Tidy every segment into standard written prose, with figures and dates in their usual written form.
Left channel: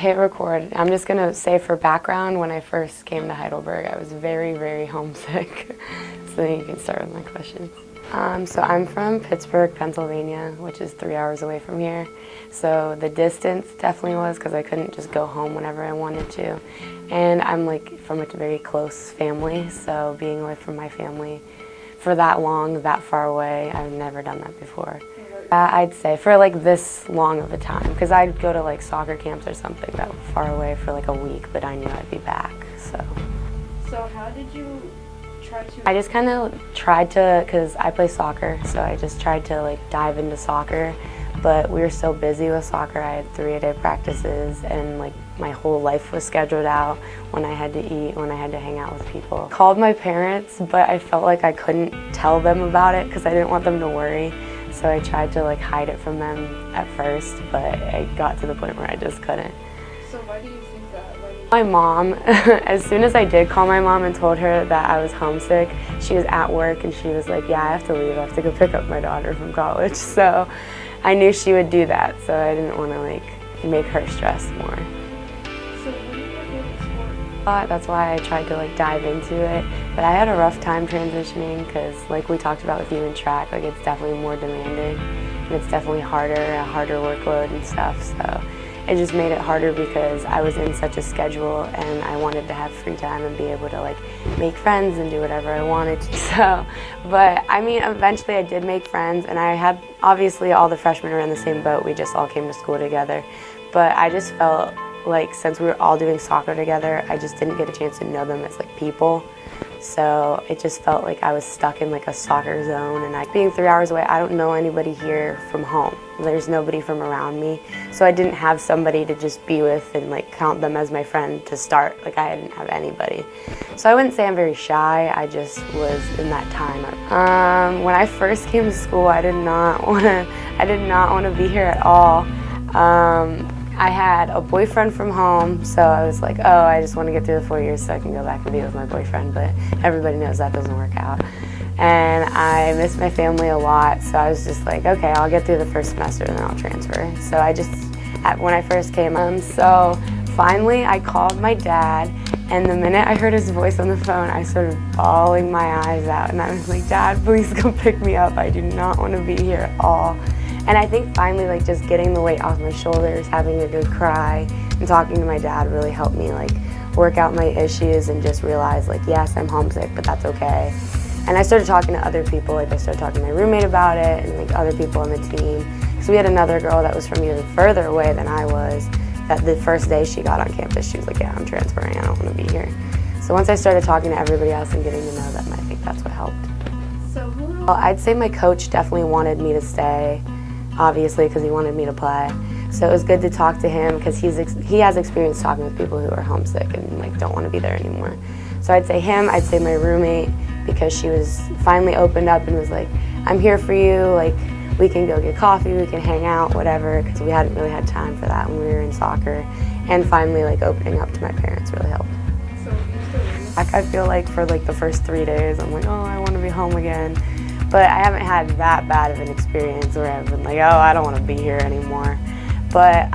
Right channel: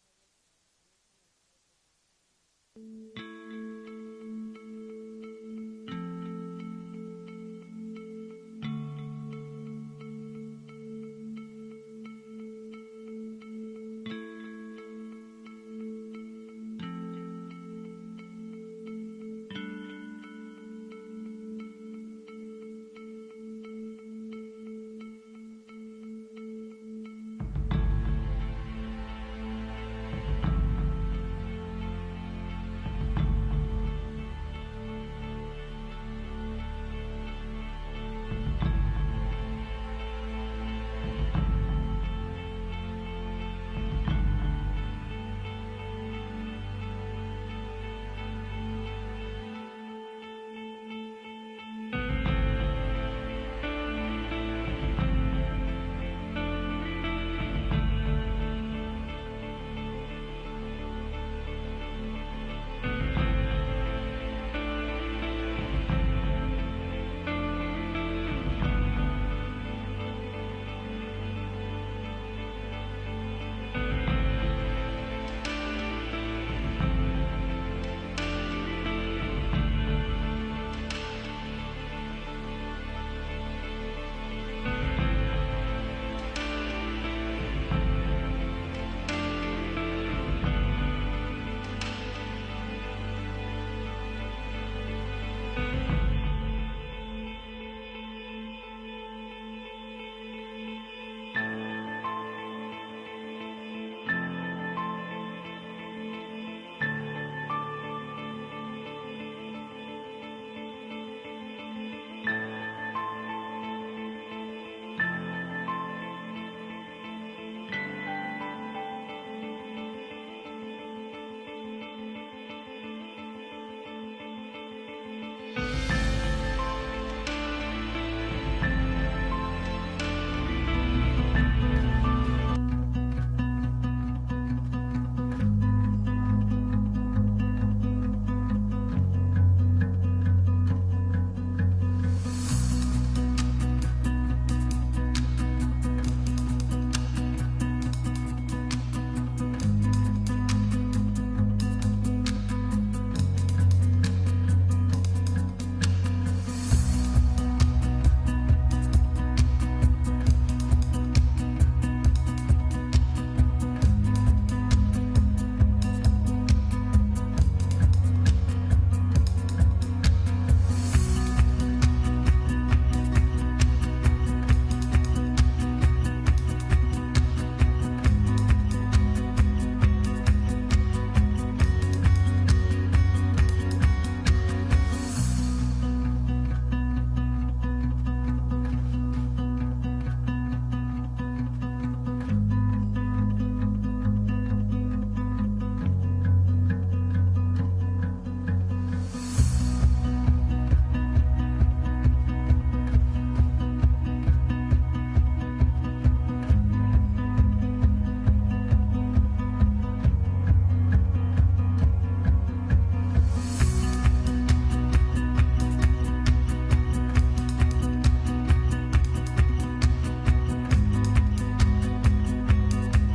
Hit record. I'm just gonna say for background, when I first came to Heidelberg, I was very, very homesick. So then you can start with my questions. So I'm from Pittsburgh, Pennsylvania, which is 3 hours away from here. So the distance definitely was because I couldn't just go home whenever I wanted to. And I'm like from a very close family, so being away from my family for that long, that far away, I've never done that before. I'd say for like this long of a time, because I'd go to like soccer camps or something that were far away for like a week, but I knew I'd be back, so. So how did you try to? I just kind of tried to, because I play soccer, so I just tried to like dive into soccer, but we were so busy with soccer. I had 3-a-day practices, and like my whole life was scheduled out when I had to eat, when I had to hang out with people. I called my parents, but I felt like I couldn't tell them about it because I didn't want them to worry. So I tried to like hide it from them at first, but I got to the point where I just couldn't. So why do you think that? My mom, as soon as I did call my mom and told her that I was homesick, she was at work and she was like, yeah, I have to leave. I have to go pick up my daughter from college. So I knew she would do that, so I didn't want to like make her stress more. That's why I tried to like dive into it, but I had a rough time transitioning because like we talked about with you in track, like it's definitely more demanding and it's definitely harder, a harder workload and stuff, so it just made it harder because I was in such a schedule and I wanted to have free time and be able to like make friends and do whatever I wanted to, so, but I mean eventually I did make friends and I had, obviously all the freshmen were in the same boat, we just all came to school together, but I just felt like since we were all doing soccer together, I just didn't get a chance to know them as like people. So it just felt like I was stuck in like a soccer zone, and being 3 hours away, I don't know anybody here from home. There's nobody from around me. So I didn't have somebody to just be with and like count them as my friend to start. Like I didn't have anybody. So I wouldn't say I'm very shy, I just was in that time. When I first came to school, I did not want to be here at all. I had a boyfriend from home, so I was like, oh, I just want to get through the 4 years so I can go back and be with my boyfriend, but everybody knows that doesn't work out. And I miss my family a lot, so I was just like, okay, I'll get through the first semester and then I'll transfer. So I just, when I first came, so finally I called my dad, and the minute I heard his voice on the phone, I started bawling my eyes out, and I was like, Dad, please come pick me up. I do not want to be here at all. And I think finally like just getting the weight off my shoulders, having a good cry, and talking to my dad really helped me like work out my issues and just realize like, yes, I'm homesick, but that's okay. And I started talking to other people, like I started talking to my roommate about it and like other people on the team. So we had another girl that was from even further away than I was, that the first day she got on campus, she was like, yeah, I'm transferring, I don't want to be here. So once I started talking to everybody else and getting to know them, I think that's what helped. Well, I'd say my coach definitely wanted me to stay, obviously, because he wanted me to play. So it was good to talk to him because he has experience talking with people who are homesick and like don't want to be there anymore. So I'd say him, I'd say my roommate, because she was finally opened up and was like, I'm here for you, like we can go get coffee, we can hang out, whatever, because we hadn't really had time for that when we were in soccer. And finally like opening up to my parents really helped. I feel like for like the first 3 days, I'm like, oh, I want to be home again. But I haven't had that bad of an experience where I've been like, oh, I don't want to be here anymore. But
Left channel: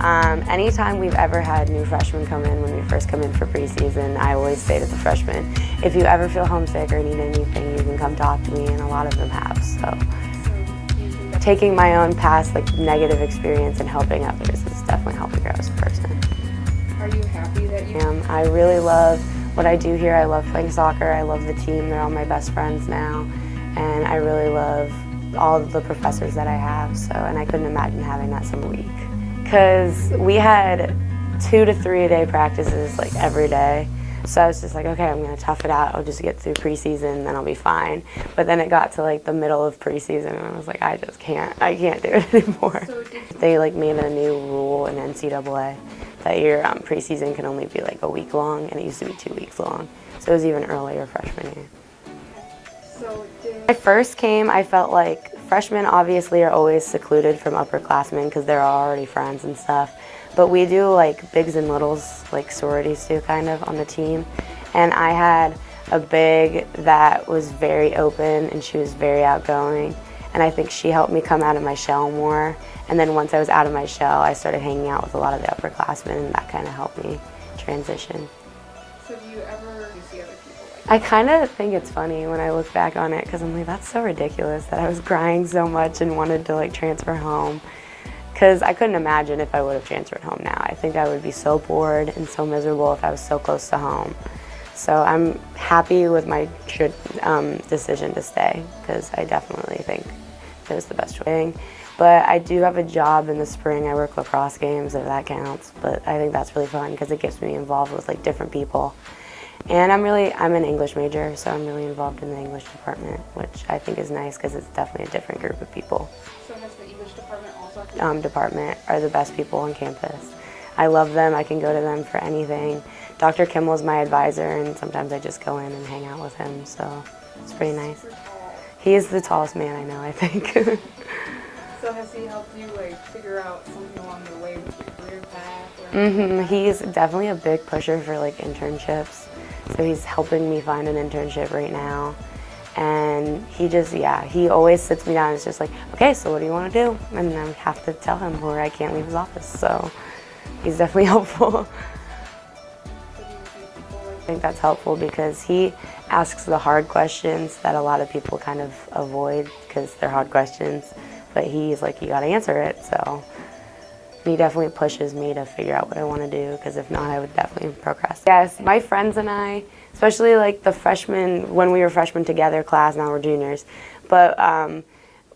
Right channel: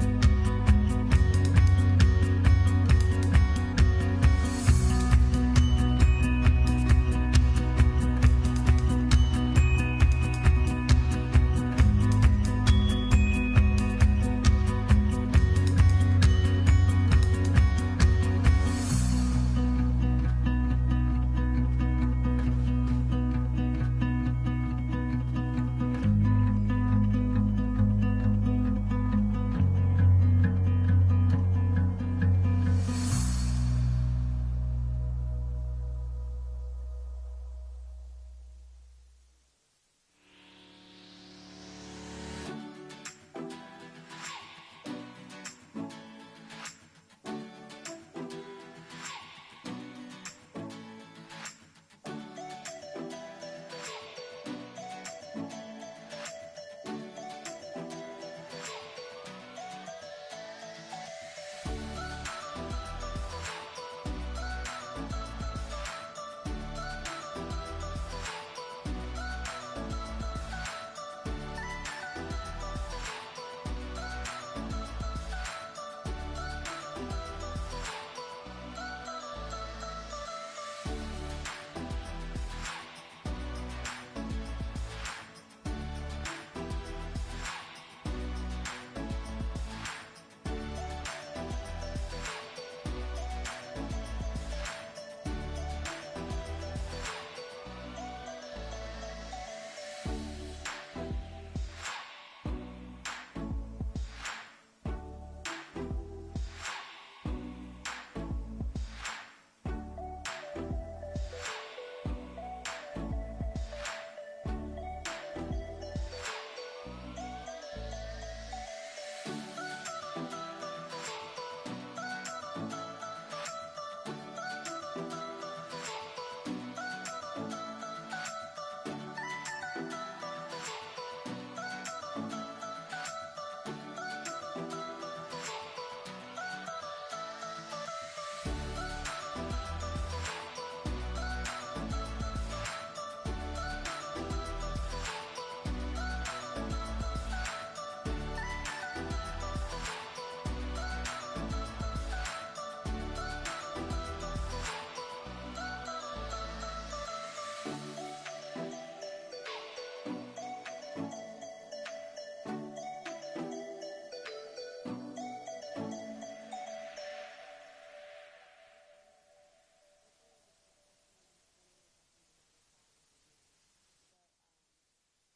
anytime we've ever had new freshmen come in, when we first come in for preseason, I always say to the freshmen, if you ever feel homesick or need anything, you can come talk to me, and a lot of them have. So taking my own past like negative experience and helping others has definitely helped me grow as a person. Are you happy that you? I really love what I do here. I love playing soccer. I love the team. They're all my best friends now. And I really love all of the professors that I have, and I couldn't imagine having that some week. Because we had 2 to 3-a-day practices like every day, so I was just like, okay, I'm gonna tough it out, I'll just get through preseason, then I'll be fine. But then it got to like the middle of preseason, and I was like, I can't do it anymore. They like made a new rule in NCAA that your preseason can only be like a week long, and it used to be 2 weeks long, so it was even earlier freshman year. When I first came, I felt like freshmen obviously are always secluded from upperclassmen because they're already friends and stuff. But we do like bigs and littles, like sororities do kind of on the team. And I had a big that was very open and she was very outgoing. and I think she helped me come out of my shell more. And then once I was out of my shell, I started hanging out with a lot of the upperclassmen, and that kind of helped me transition. So do you ever see other people? I kind of think it's funny when I look back on it, because I'm like, that's so ridiculous that I was crying so much and wanted to like transfer home. Because I couldn't imagine if I would have transferred home now. I think I would be so bored and so miserable if I was so close to home. So I'm happy with my decision to stay, because I definitely think it was the best choice. But I do have a job in the spring. I work lacrosse games, if that counts. But I think that's really fun because it gets me involved with like different people. And I'm an English major, so I'm really involved in the English department, which I think is nice because it's definitely a different group of people. So has the English department also? Department are the best people on campus. I love them. I can go to them for anything. Dr. Kimmel's my advisor, and sometimes I just go in and hang out with him, so it's pretty nice. He is the tallest man I know, I think. So has he helped you like figure out something along the way with your career path? He's definitely a big pusher for like internships. So he's helping me find an internship right now. And he always sits me down and is just like, okay, so what do you want to do? And I have to tell him or I can't leave his office. So he's definitely helpful. I think that's helpful because he asks the hard questions that a lot of people kind of avoid because they're hard questions. But he's like, you got to answer it. So he definitely pushes me to figure out what I want to do, because if not, I would definitely procrastinate. Yes, my friends and I, especially like the freshmen, when we were freshmen together class, now we're juniors, but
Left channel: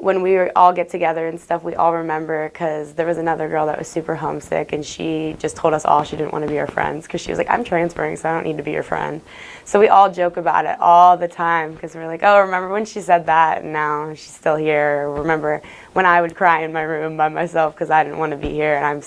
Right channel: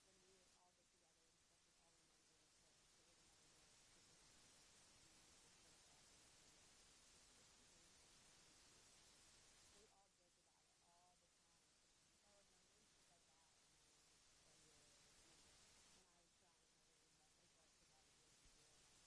when we all get together and stuff, we all remember, because there was another girl that was super homesick, and she just told us all she didn't want to be our friends because she was like, I'm transferring, so I don't need to be your friend. So we all joke about it all the time because we're like, oh, remember when she said that and now she's still here? Or remember when I would cry in my room by myself because I didn't want to be here and I'm